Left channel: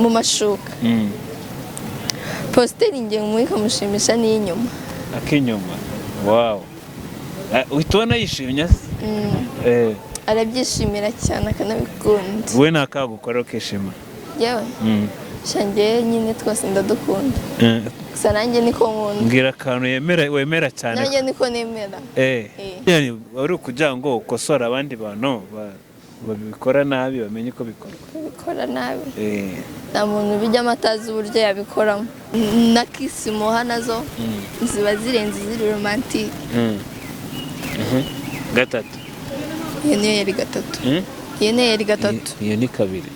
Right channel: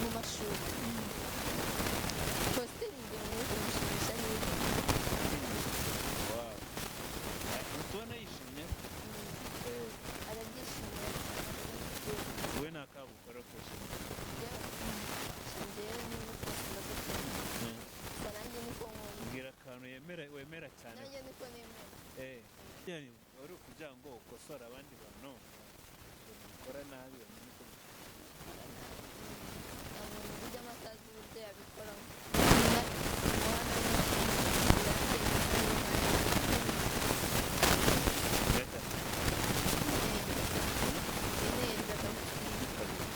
mu mashuka posteri ngiye muri nkamushimisha ni inyuma akinyuma wow uhitona yishimye arabyishimira cyane akanabikunda we nakagukora ukishima yewe shangiye nyine twose ndadukunda gusa nanjye niko nkunda mbwira akantu wemera cyane nanjye niko nemera yani wari kugirango ukosora abandi bantu babikora nabi bamenye ko bikora nabi nta muntu bijyamo atazi uburyo yabikoramo na kisimuha nazo ziba zirenze ziri romantike gatatu iyo niyo yari gatatu iyo niyo yari gatatu iyo ni kabiri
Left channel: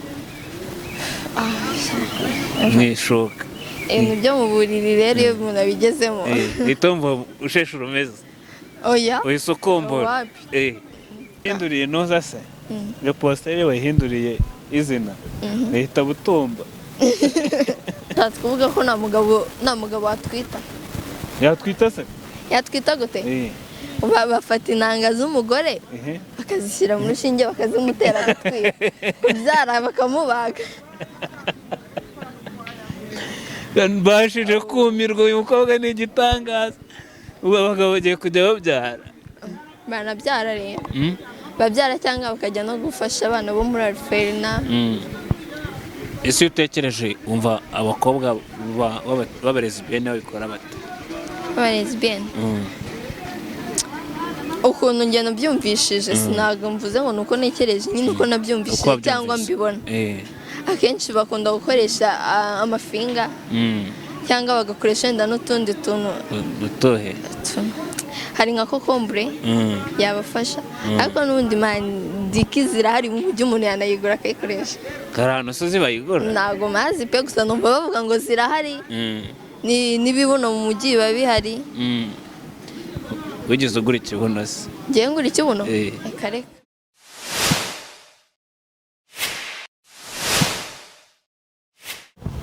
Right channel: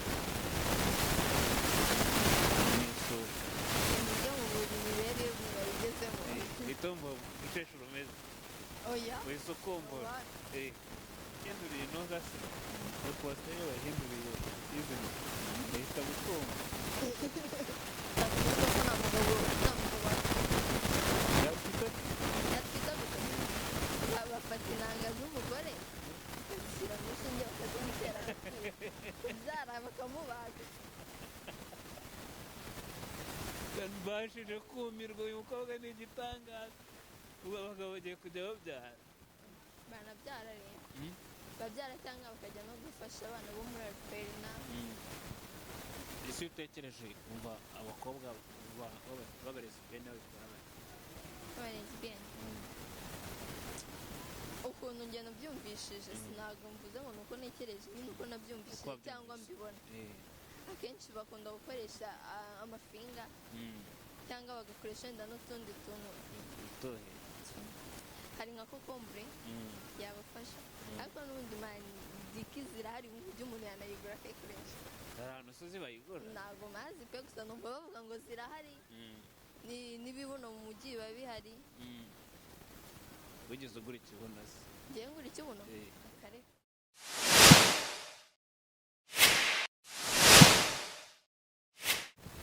mwishoka mu byo mu buriri rero iyo umuntu abigezemo itombo usheshe urumeze oya uhise ukombora hinduriye noza se iyo posteri wahinduriye izina uhita butumba kuvuga ko nta mugabo watwita yatwita se yatwita gute bafata intanga z'umugore bakazishyira mu rushinge bakazimutera agatwita kubyara bakamubaga mbashije kumirwa uyu mukobwa ni igitangaza ubu abagabo bagiye kujya babyara banabyara rero babyara cyangwa bakajya no gufasha abana bo muri Alferina ese utekereje umva abakobwa b'abarezibiyene babikora bate abarezibiyene ukuntu njye nabyumvishije sinago mvuze ngo nuko nekereje nyine uko nabyumvishije cyangwa mbibona akenshi bakunda gukoresha amafinga cyangwa bagakoresha wenda n'utundi tuntu dutohe hari nka kokombure yabafasha ariko n'ubundi mandiki zirahari mu buryo umuntu yanayigura akayikoresha karano so zibayigura ntago mazi pe gusa numva bavuga ngo zirahari n'ibibuno mu mujyi biba bihari wigeze ugura ikibuno se ngiye ngura ikibuno reka reka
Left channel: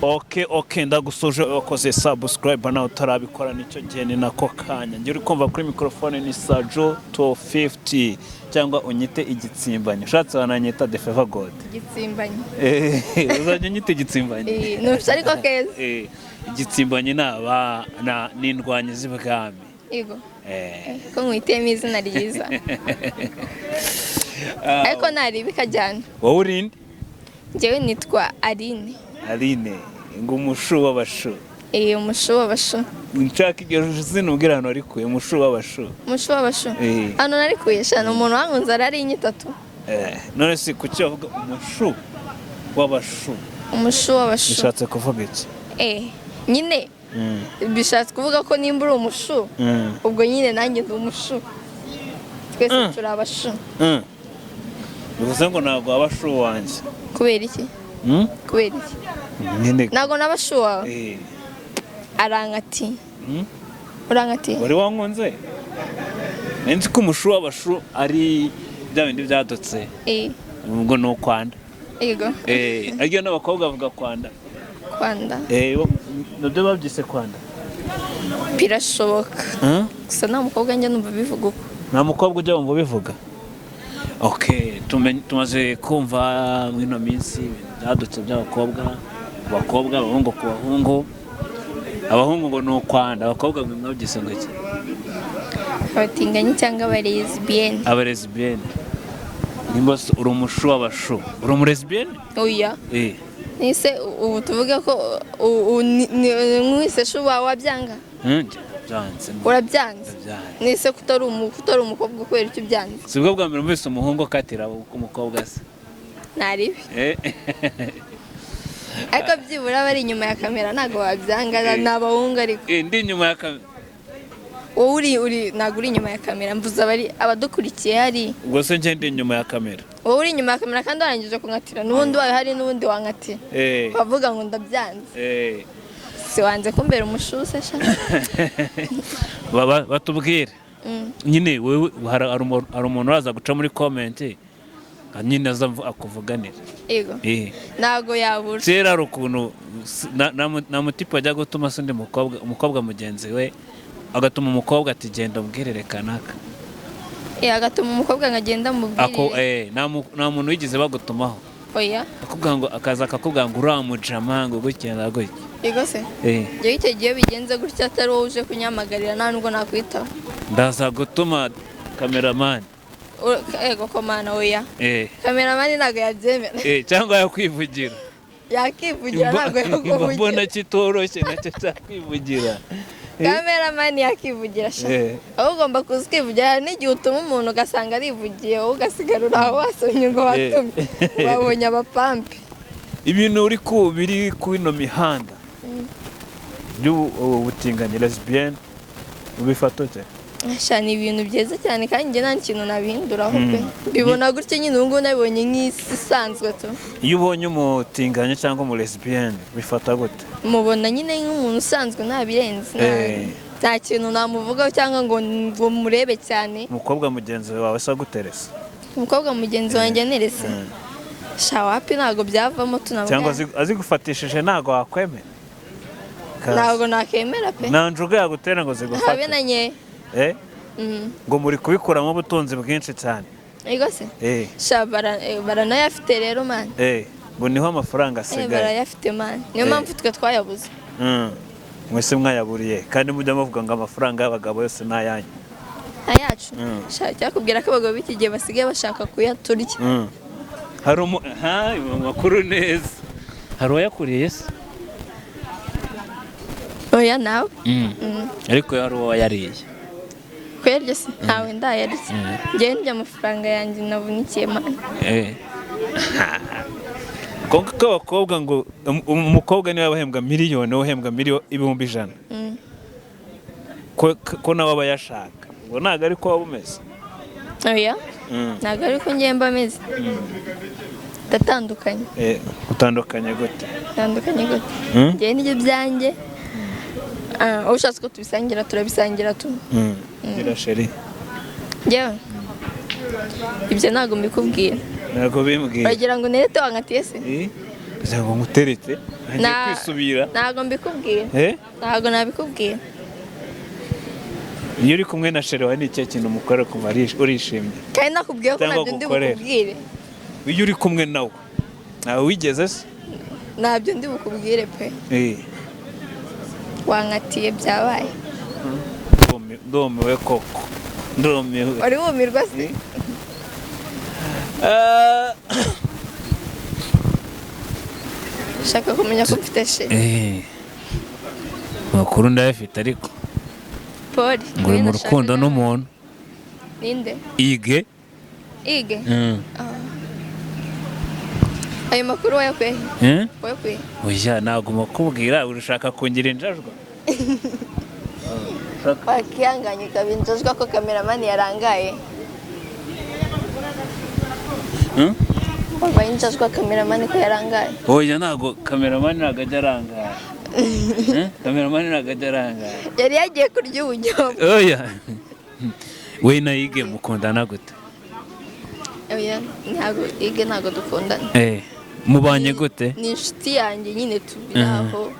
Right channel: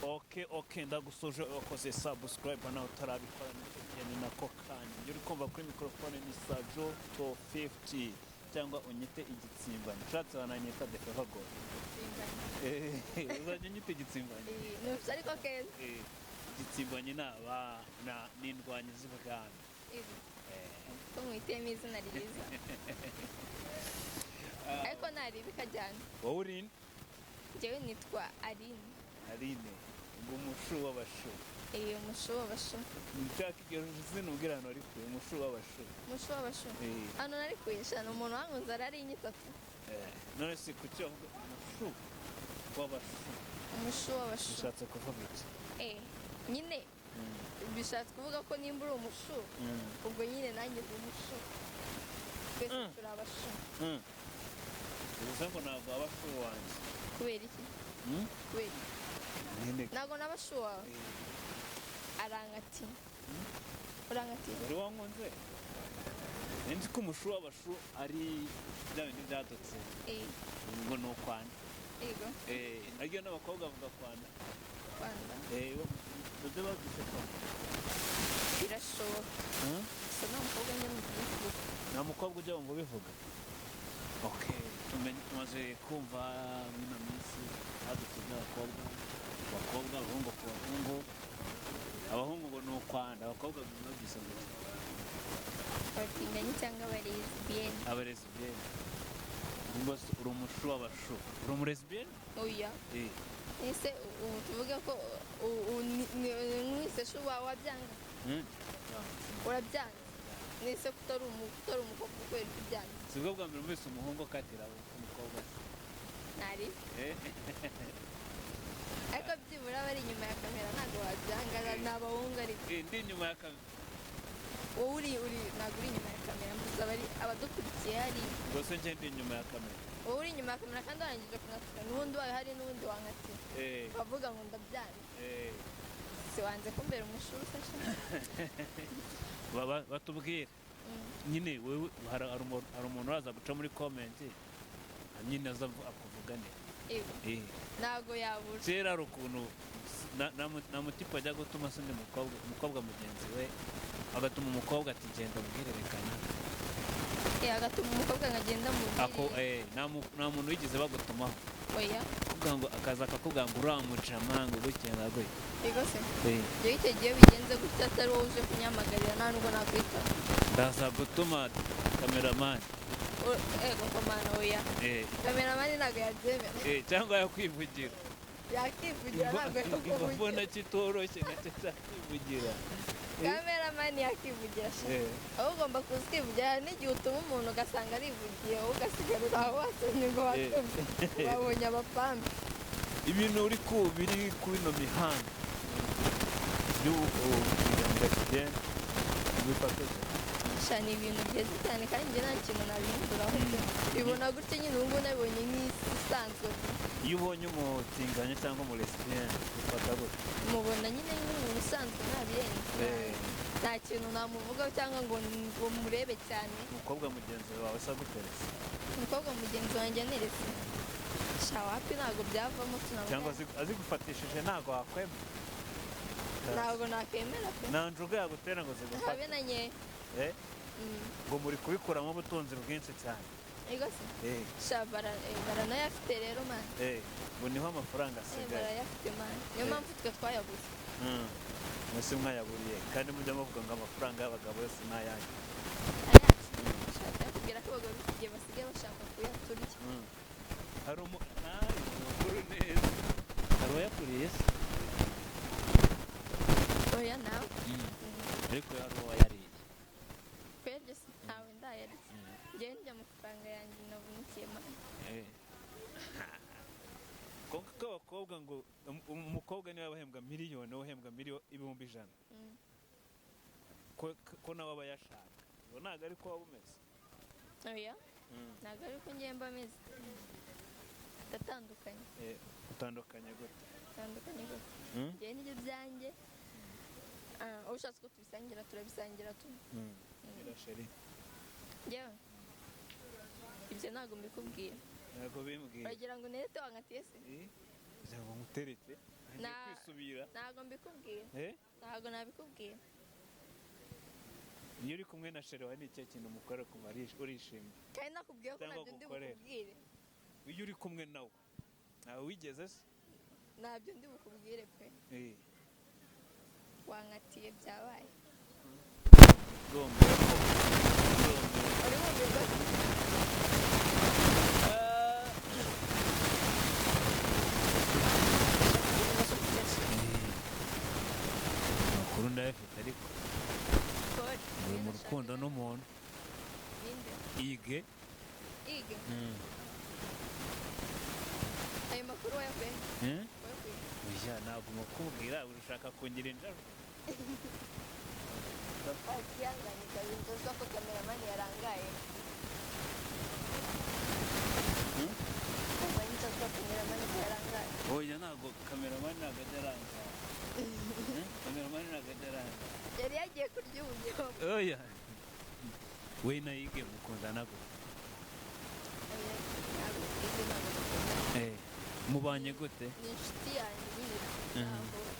Okay, ndagusoje wakoze subscribe nawe utarabikora nicyo gihe ni nako kanya ngiye uri kumva kuri microphone ni Sajo 250 cyangwa unyite igitsimbanyi ushatse wananyita the favor god igitsimbanyi uzajya nyite igitsimbanyi nufite ariko keza igitsimbanyi n'indwanyi z'ibwami yego ko nkwitemo izina ryiza ariko nari bikajyana wowe urinde njyewe nitwa Aline ngo umushu w'abashu umushu w'abashu nshaka iryo zina ubwira hano arikuye umushu w'abashu hano narikuye shana umuntu wankunze arari inyitatu none si kuki bavuga umushu w'abashu bishatse kuvuga iki nyine bishatse kuvuga ko nimba uri umushu ubwo nyine nanjye ndi umushu twese turi abashu bivuze ngo ntabwo wabashu wanjye kubera iki ntabwo n'abashu wawe arankati wari wankunze nzi ko umushu w'abashu ari bya bindi byadutse ubwo ni ukwanda yego ariko n'abakobwa bavuga kwanda nabyo babyise kwanda birashoboka gusa nta mukobwa njya numva bivuga uko nta mukobwa ujya wumva bivuga tumaze kumva muri ino minsi byadutse by'abakobwa abahungu ku bahungu abahungu ngo ni ukwanda abakobwa mwabyise ngo iki abatinganyi cyangwa abarezibiyene nimba uri umushu w'abashu uri umurezibiyene oya nise ubu tuvuge ko mwise shu wabyanga urabyanze nise kutari umukobwa kubera icyo byanze si bwo bwa mbere mwese umuhungu akatira umukobwa se naribi ariko byibura bari inyuma ya kamera ntabwo wabyanga ni abahungu ariko ndi inyuma ya kamera wowe ntabwo uri inyuma ya kamera mvuze abadukurikiye hari ubwo se njye ndi inyuma ya kamera wowe uri inyuma ya kamera kandi warangije kunkatira n'ubundi wawe hari n'ubundi wankatira wavuga ngo ndabyanze si wanze kumbera umushuse sha batubwire nyine wewe hari umuntu uraza guca muri komenti nyine aza akuvuganira yego ntabwo yabura kera hari ukuntu nta mutipe wajya gutuma se undi umukobwa mugenzi we agatuma umukobwa ati genda umbwirire kanaka agatuma umukobwa nkagenda mubwirire nta muntu wigeze bagutumaho oya akubwira ngo akakubwira ngo uramujama ngo gukenda gutya yego se iyo icyo gihe bigenze gutya atari wowe uje kunyamagarira nta nubwo nakwitaho ndaza gutuma kameramani ego komana oya kameramani ntabwo yabyemera cyangwa yakwivugira ntabwo yakuvugira mbona kitoroshye nacyo cyakwivugira kameramani yakivugira aho ugomba kuza ukivugira hari n'igihe utuma umuntu ugasanga arivugiye wowe ugasigara uraho wasomye ngo watumye babonye abapampe ibintu biri ku ino mihanda by'ubutinganyi lesbienne ubifata ute? ni ibintu byiza cyane kandi njye nta kintu nabihinduraho pe bibona gutya nyine ubu ngubu nabibonye nk'isi isanzwe tu iyo ubonye umutinganyi cyangwa umu lesbienne bifata gute? mubona nyine nk'umuntu usanzwe ntabirenze nta kintu namuvugaho cyangwa ngo murebe cyane. Umukobwa mugenzi wawe asa guteresa? Umukobwa mugenzi wanjye nerese shawapi ntago byavamo tunavuga cyangwa azigufatishije ntago wakwemera? Ntago nakemera pe nta njuga yagutera ngo zigufate habe nanye ngo muri kubikuramo ubutunzi bwinshi cyane. Ego se baranayafite rero man ngo niho amafaranga asigaye barayafite man niyo mpamvu twe twayabuze mwese mwayaburiye kandi mujya muvuga ngo amafaranga y'abagabo yose n'ayanyu ayacu cyakubwira ko abagabo b'iki gihe basigaye bashaka kuyaturya hari amakuru neza hari uwayakuriye se? oya nawe ariko hari uwayariye kwelye se ntawe ndayarya njye ndya amafaranga yanjye navunikiye man konka abakobwa ngo umukobwa niwe abahembwa miliyoni uhembwa ibihumbi 100 ko nawe aba yashaka ngo ntago ari ko waba umeze? oya ntago ari ko njye mba meze datandukanye utandukanye gute? njye n'ibyo byanjye ushatse ko tubisangira turabisangira tu gira sheri njyewe ibyo ntago mbikubwira. Ntago bimbwira bagira ngo nerete wankatiye se kugira ngo nguterete ngiye kwisubira ntago mbikubwira ntago nabikubwira. iyo uri kumwe na sheri wawe ni ikihe kintu mukora kumva urishimye? kandi nakubwiye ko nabyo ndi bukubwire. iyo uri kumwe nawe nawe wigeze se? nabyo ndi bukubwire pe wankatiye byabaye ndumiwe koko ndumiwe. wari wumirwa se? shaka kumenya ko mfite sheri makuru ndayafite ariko Poli ngo uri mu rukundo n'umuntu. ninde? Ige ayo makuru wayakuye oya ntabwo makubwira urashaka kungira injajwa wakihanganye kabinjajwa ko kameramani yarangaye wabaye injajwa kameramani ko yarangaye. oya ntabwo kameramani ntabwo ajya arangara kameramani ntabwo ajya arangara yari yagiye kurya ubunyobwa. oya we na Ige mukundana gute? oya ntabwo dukundana. mubanye gute? ni inshuti yanjye nyine tubiraho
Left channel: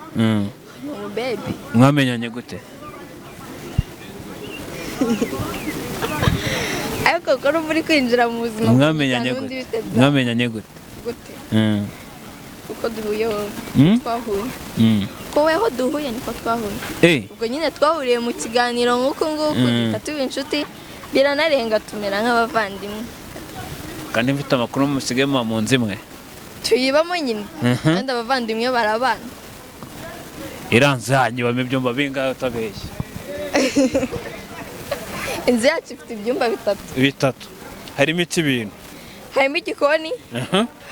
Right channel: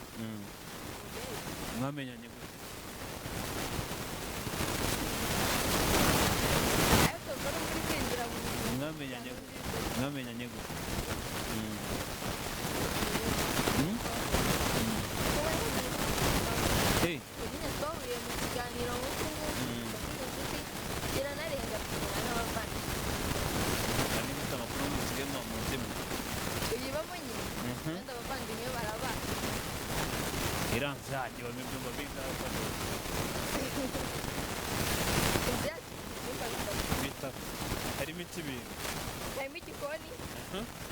baby. mwamenyanye gute? ariko ko muri kwinjira mu buzima mwamenyanye gute? uko duhuyeho twahuye wowe aho duhuye niko twahuye ubwo nyine twahuriye mu kiganiro nk'uko nguko tuba inshuti biranarenga tumera nk'abavandimwe. kandi mfite amakuru musigaye mu nzu imwe tuyibamo nyine kandi abavandimwe barabana. iranze yanyu bame ibyumba bingahe utabeshye? inzu yacu ifite ibyumba bitatu. harimo iki bintu? harimo igikoni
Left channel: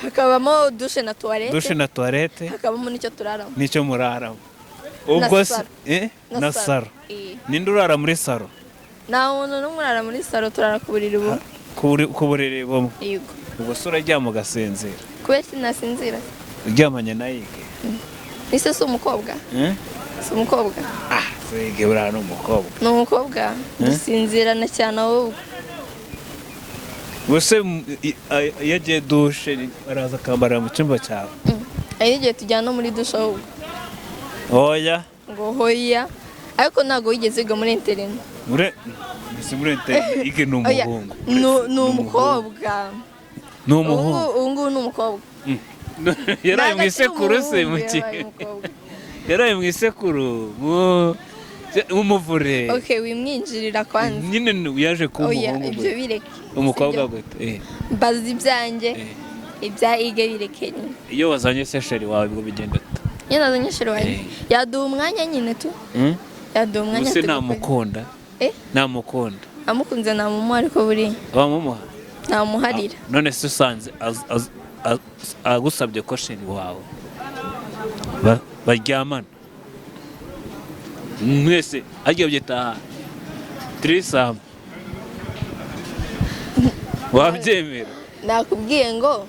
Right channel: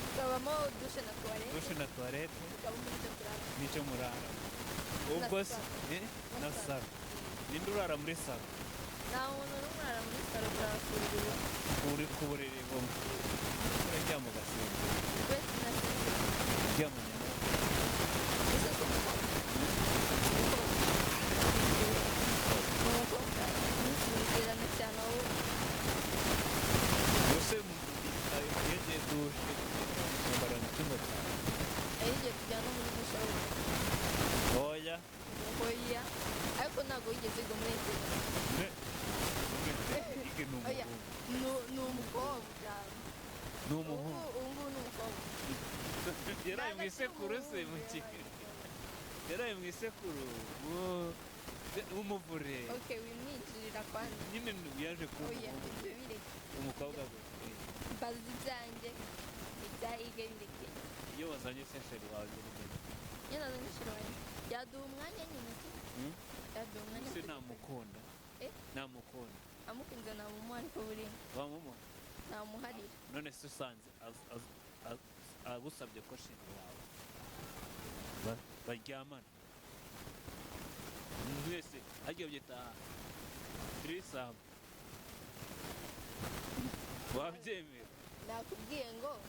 hakabamo dushe na tuwarete hakabamo n'icyo turaramo. n'icyo muraramo ubwo se na saro? ninde urara muri saro? nta muntu n'umwe urara muri saro, turara ku buriri bumwe. ku buriri bumwe? ubwo se uraryama ugasinzira? kubera sinasinzira. uryamanye na Ige? ese si umukobwa? si umukobwa? Ige uriya ni umukobwa. ni umukobwa dusinzirana cyane ahubwo. gusa iyo agiye dushe araza akambara mu cyumba cyawe? hari n'igihe tujyana muri dushe ahubwo. oya ngo hoya ariko ntabwo wigeze wiga muri internet. muri internet Ige ni umuhungu. ni umukobwa. ni umuhungu? ubu ngubu ni umukobwa. yaraye mu isekuru se muki yaraye mu isekuru umuvure. Okay, wimwinjirira kwanza nyine yaje kuba umuhungu ibyo bireke umukobwa gute mbaza ibyanjye ibya ige bireke nyine. iyo wazanye sesheri wawe ngo bigenda nyine nazanye sheri wawe yaduha umwanya nyine tu yaduha umwanya use namukunda namukunda amukunze namumuha ariko buri wamumuha namuharira none se usanze agusabye ko sheri wawe baryamana mwese agiye byitaha trisam wabyemera? nakubwiye ngo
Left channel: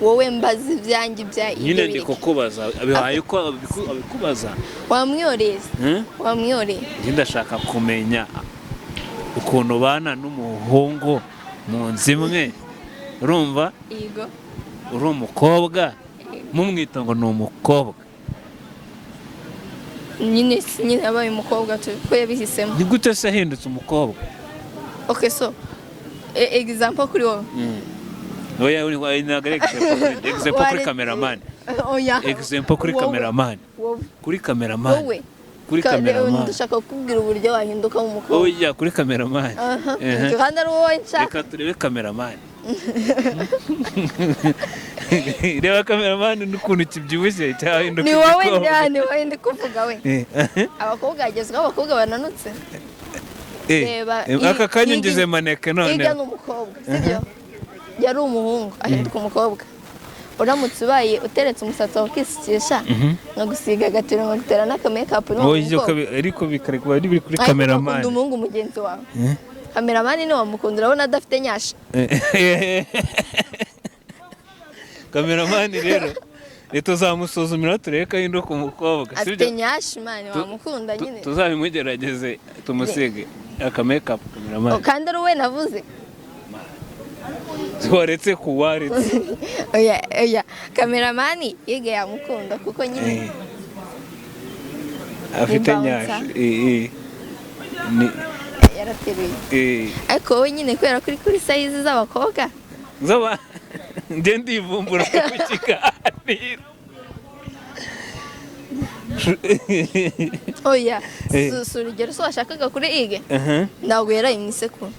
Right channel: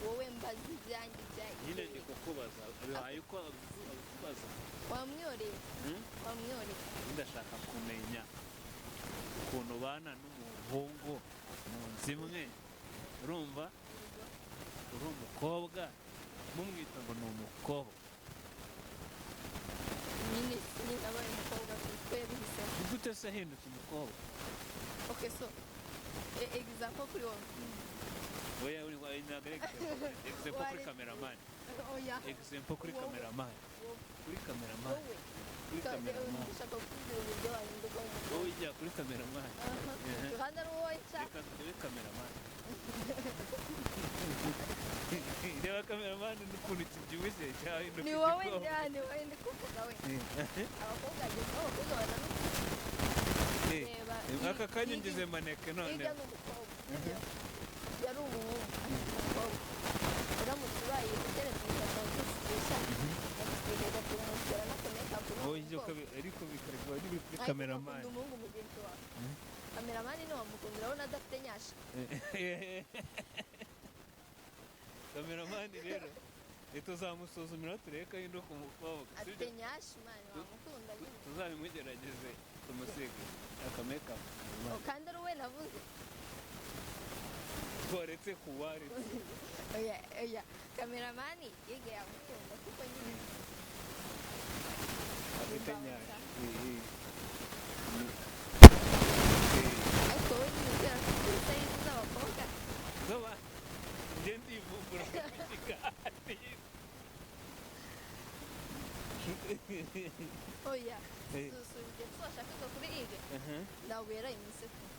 wowe mbaza ibyanjye bya nyine ndi kukubaza abihaye uko abikubaza wamwiyoreza wamwiyoreza ndashaka kumenya ukuntu bana n'umuhungu mu nzu imwe urumva yego uri umukobwa mumwita ngo ni umukobwa nyine abaye umukobwa ko yabihisemo. ni gute se ahindutse umukobwa? Okay, so example kuri wowe oya ntabwo ari example kuri cameraman. Example kuri cameraman. Kuri cameraman. Kuri cameraman. Ndashaka kukubwira uburyo wahinduka umukobwa. Oya kuri cameraman. Kandi ari wowe nshya. Reka turebe cameraman. Reba cameraman n'ukuntu kibyibushye cyahinduka. Ni wowe ndani wowe ndi kuvuga we. Abakobwa agezweho abakobwa bananutse. Reba aka kanya ngize maneke none. Iga n'umukobwa. Sibyo? Yari umuhungu ahinduka umukobwa. Uramutse ubaye uteretse umusatsi wawe ukisukisha nkagusiga agatiro nkagutera n'aka makeup ariko bikarekuba biri kuri cameraman. Ukunda umuhungu mugenzi wawe. Cameraman ni wamukunda urabona adafite nyasha. Cameraman rero tuzamusuzumira turebe ko ahinduka umukobwa. Afite nyasha mani wamukunda nyine. Tuzabimugerageze tumusige aka makeup cameraman. Kandi ari we navuze. Twaretse kuwaretse. Oya cameraman yige yamukunda kuko nyine afite nyasha ni yarateruye. Ariko wowe nyine kubera kuri size z'abakobwa zaba nde ndivumbura ku kiganiro. Oya urugero so washakaga kuri ige ntabwo yaraye mu isekuru.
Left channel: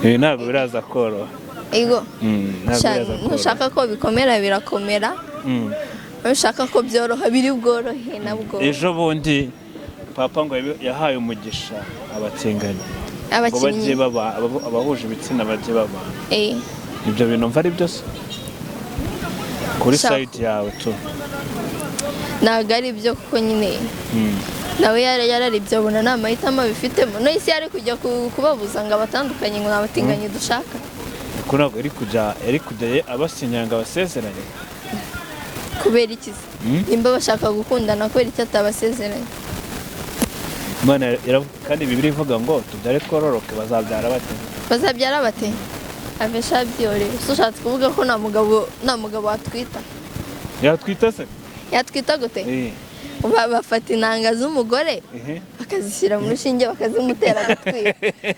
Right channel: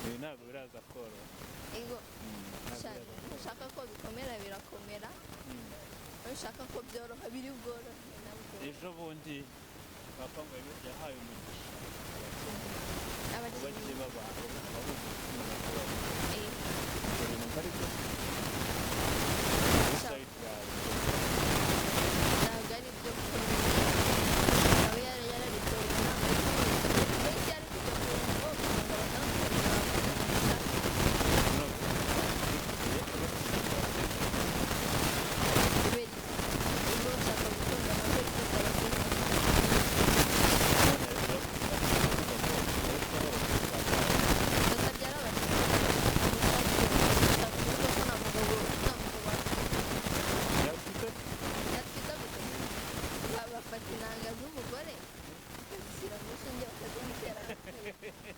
Ntabwo biraza koroha. Ego ntushaka ko bikomera birakomera, ntushaka ko byoroha biri bworohe nabwo. Ejo bundi papa ngo yahaye umugisha abatinganyi ngo bajye abahuje ibitsina bajye baba. Ibyo bintu mva ari byose kuri site yawe tu ntabwo ari byo kuko nyine nawe yararibye abona nta mahitamo bifitemo. No isi yari kujya kubabuza ngo abatandukanye ngo abatinganye dushaka kuri abo iri kujya abasinyanga abasezeranye kubera iki nimba bashaka gukundana kubera icyo atabasezeranye. Kandi Bibiliya ivuga ngo tuzare twororoke bazabyara bate abesha byore. Ushatse kuvuga ko nta mugabo watwita. Yatwita se? Yatwita gute? Bafata inanga z'umugore bakazishyira mu rushinge bakazimutera agatwita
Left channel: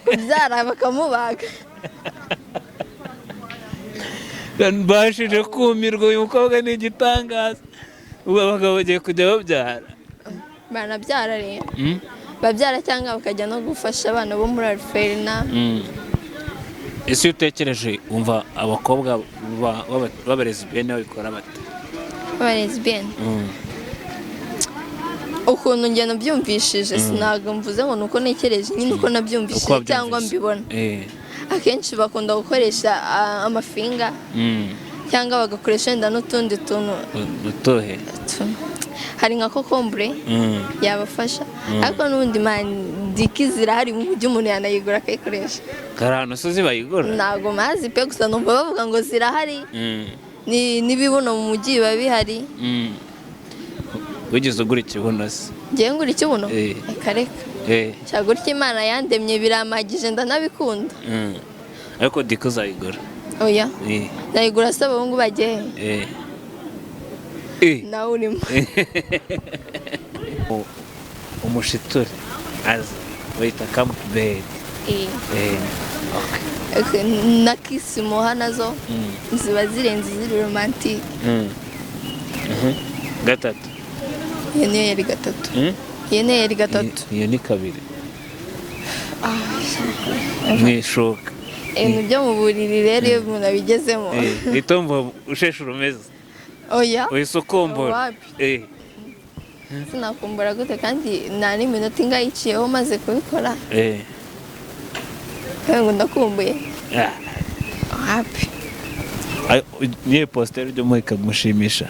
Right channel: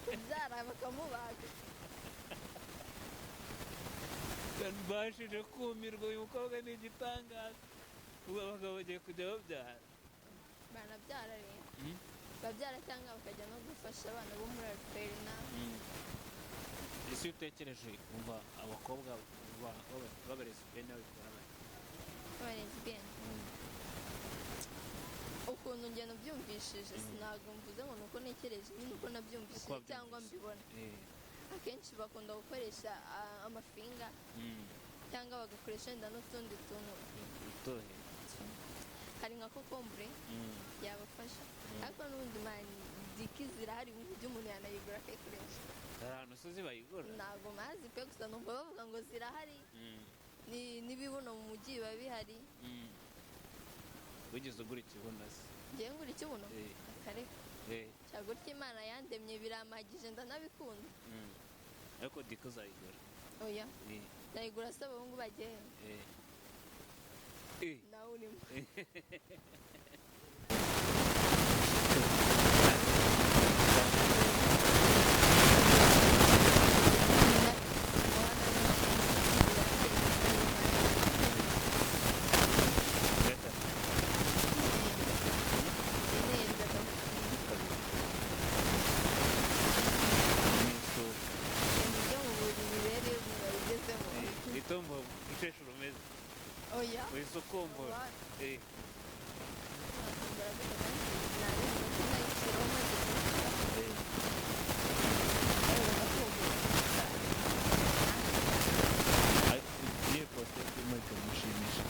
kubyara bakamubaga. Bashije kumirwa uyu mukobwa ni igitangaza. Ubu abagabo bagiye kujya babyara banabyara rero babyara cyangwa bakajya no gufasha abana bo muri Alferina. Ese utekereje umva abakobwa b'abarezibiyene babikora bate? Abarezibiyene ukuntu njye nabyumvishije sinaga mvuze ngo nuko nekereje nyine uko nabyumvishije cyangwa mbibona. Akenshi bakunda gukoresha amafinga cyangwa bagakoresha wenda n'utundi tuntu utohe hari nka kokombure yabafasha. Ariko n'ubundi diki zirahari mu mujyi umuntu yanayigura akayikoresha. Karano so zibayigura? Ntabwo mazi pe gusa numva bavuga ngo zirahari n'ibibuno mu mujyi biba bihari. Wigeze ugura ikibuno se? Ngiye ngura ikibuno? Reka cyagura icyo Imana yandemye biramagije ndanabikunda. Ariko diko uzayigura? Oya nayigura se abahungu bagiye nawe urimo umushitura aza wita kamubere na kisimuha nazo ziba zirenze ziri romantike. Gatatu. Iyo niyo yari gatatu. Iyo niyo yari gatatu. Iyo ni kabiri. Mwishoka. Mu byo mu buriri rero iyo umuntu abigezemo. Itombo usheshe urumeze. Oya. Uhise ukumbura. Sinakumbura gute kandi nta n'iminota ingahe iciyeho maze kubikora. Ngo ndakumbuye. Happy. Niye postere ryo muri nkamushimisha.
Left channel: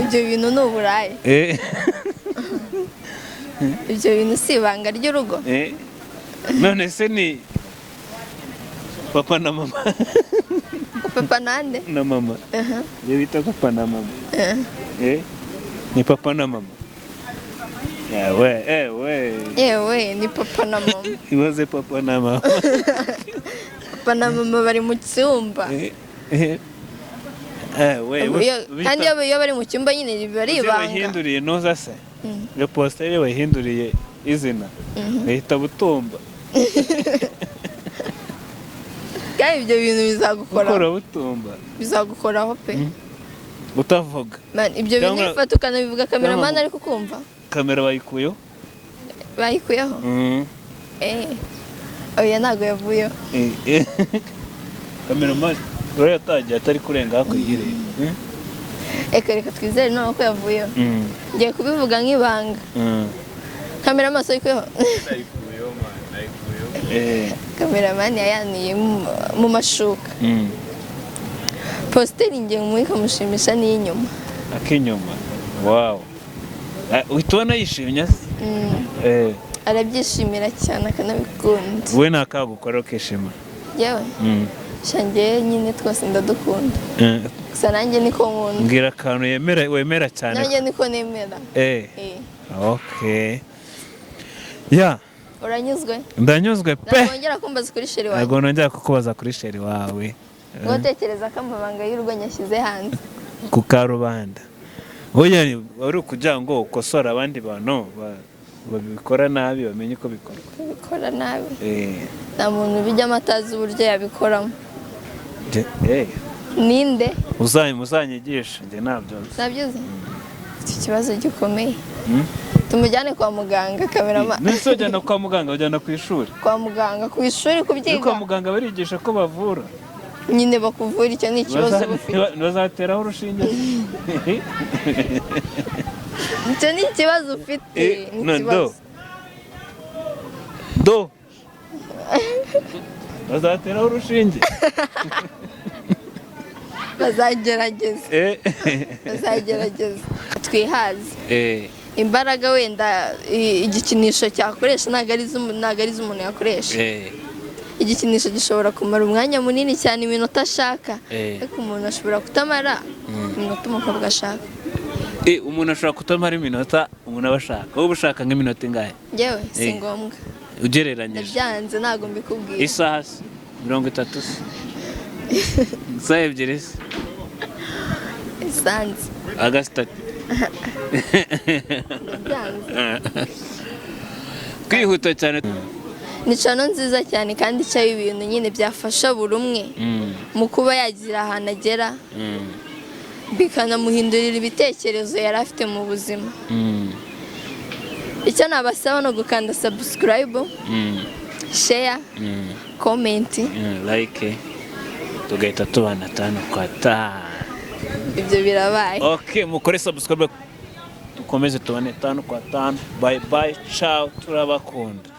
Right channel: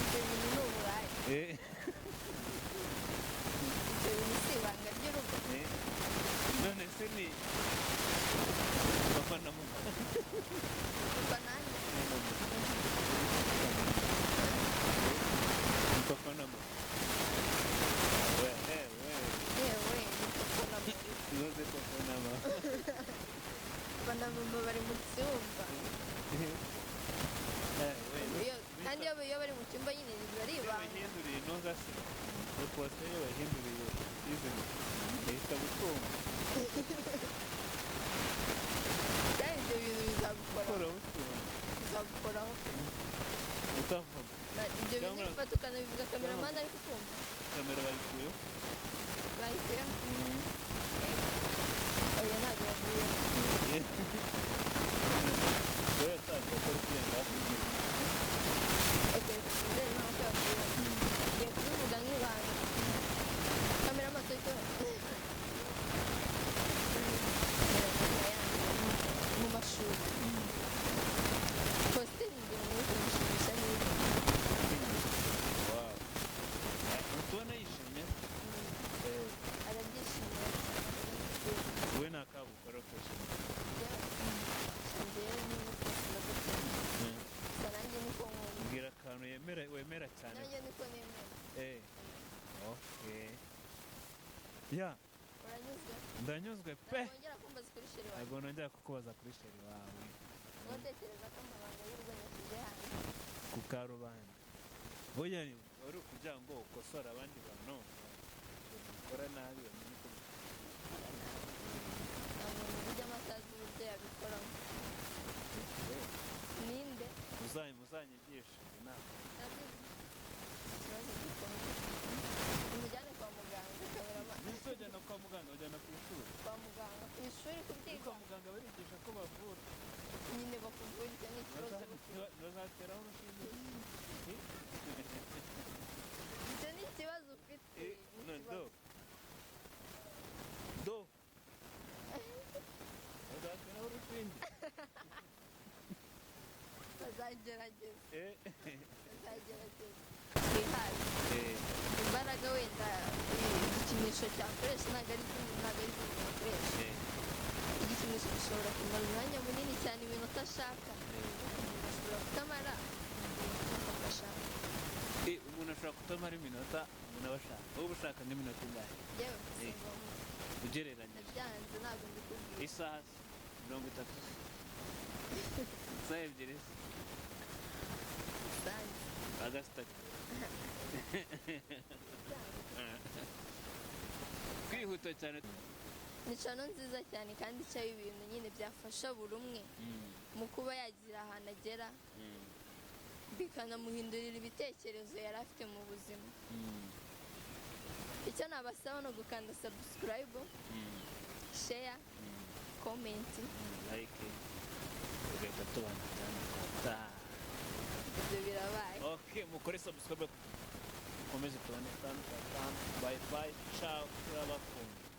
Ibyo bintu ni uburayi. Ibyo bintu si ibanga ry'urugo. None se ni papa na mama. Papa nande? Na mama. Iyo bita papa na mama. Ni papa na mama. Yewe ni papa na mama. Ibaze papa na mama. Papa na mama bari mu cyumba. Kandi iyo bari mu cyumba nyine biba ari ibanga. Bahinduriye noza se. Iyo postere bahinduriye izina. Bahita butumba. Kandi ibyo bintu bizagukora. Ukora butumba. Bizagukoraho pe. Utavuga. Ibyo bintu bifata ukanabivuga kameramani ariko kumva. Kamera bayikuyeho? Bayikuyeho? Oya ntabwo yavuyeho. Kameramani rero yatangiye atari kurenga hako yire. Reka twizere none ko yavuyeho. Ngiye kubivuga nk'ibanga. Kamera amaso yikuyeho? Kameramani yayaniye mu mashuka. Posteri ngiye muri nkamushimisha n'inyuma. Akinyuma. Wow. Uhitubona yishimye se? Arabyishimira cyane akanabikunda. Wowe nakagukora ukishima? Yewe shangiye nyine twose ndadukunda. Gusa nanjye niko nkunda. Mbwira akantu wemera cyane. Nanjye niko nemera. Okay. Ya. Uranyuzwe? Ndanyuzwe pe. Nongera kumbaza kuri Cher wawe. Ntabwo nongera kukubaza kuri Cher wawe. Ngotekereza ko amabanga y'urugo nyashyize hanze. Ku karubanda. Oya wari kugira ngo ukosora abandi bantu babikora nabi bamenye ko bikora. Bikora nabi. Nta muntu bijya amatazi uburyo yabikoramo. Ninde? Uzanyigisha njye nabyo. Nabyoze. Iki kibazo gikomeye. Tumujyane kwa muganga kamerama. Nese ujyana kwa muganga ujyana ku ishuri. Kwa muganga ku ishuri kubyiga. Kwa muganga barigisha ko bavura. Nyine bakuvura icyo ni ikibazo bafite. Bazateraho urushinge. Icyo ni ikibazo ufite. Do. Bazateraho urushinge. Bazagerageza. Bazagerageza. Twihaze. Imbaraga wenda igikinisho cyakoresha ntabwo ari umuntu yakoresha. Igikinisho gishobora kumara umwanya munini cyane iminota ashaka. Ariko umuntu ashobora kutamara iminota umukobwa ashaka. Umuntu ashobora kutamara iminota umuntu aba ashaka. Wowe ushaka nk'iminota ingahe? Yewe si ngombwa. Ugereranyije. Byanze ntabwo mbikubwira. Isaha 30 se. Isaha ebyiri se. Isanze. Agasitati. Byanze. Kwihuta cyane. Ni channel nziza cyane kandi cyayo ibintu nyine byafasha buri umwe mu kuba yagira ahantu agera bikanamuhindurira ibitekerezo yari afite mu buzima. Icyo nabasaba no gukanda subscribe, share, comment, like, tugahita tubana 5 kwa 5. Ibyo birabaye. Okay, mukore subscribe dukomeze tubane 5 kwa 5. Bye bye, ciao, turabakunda.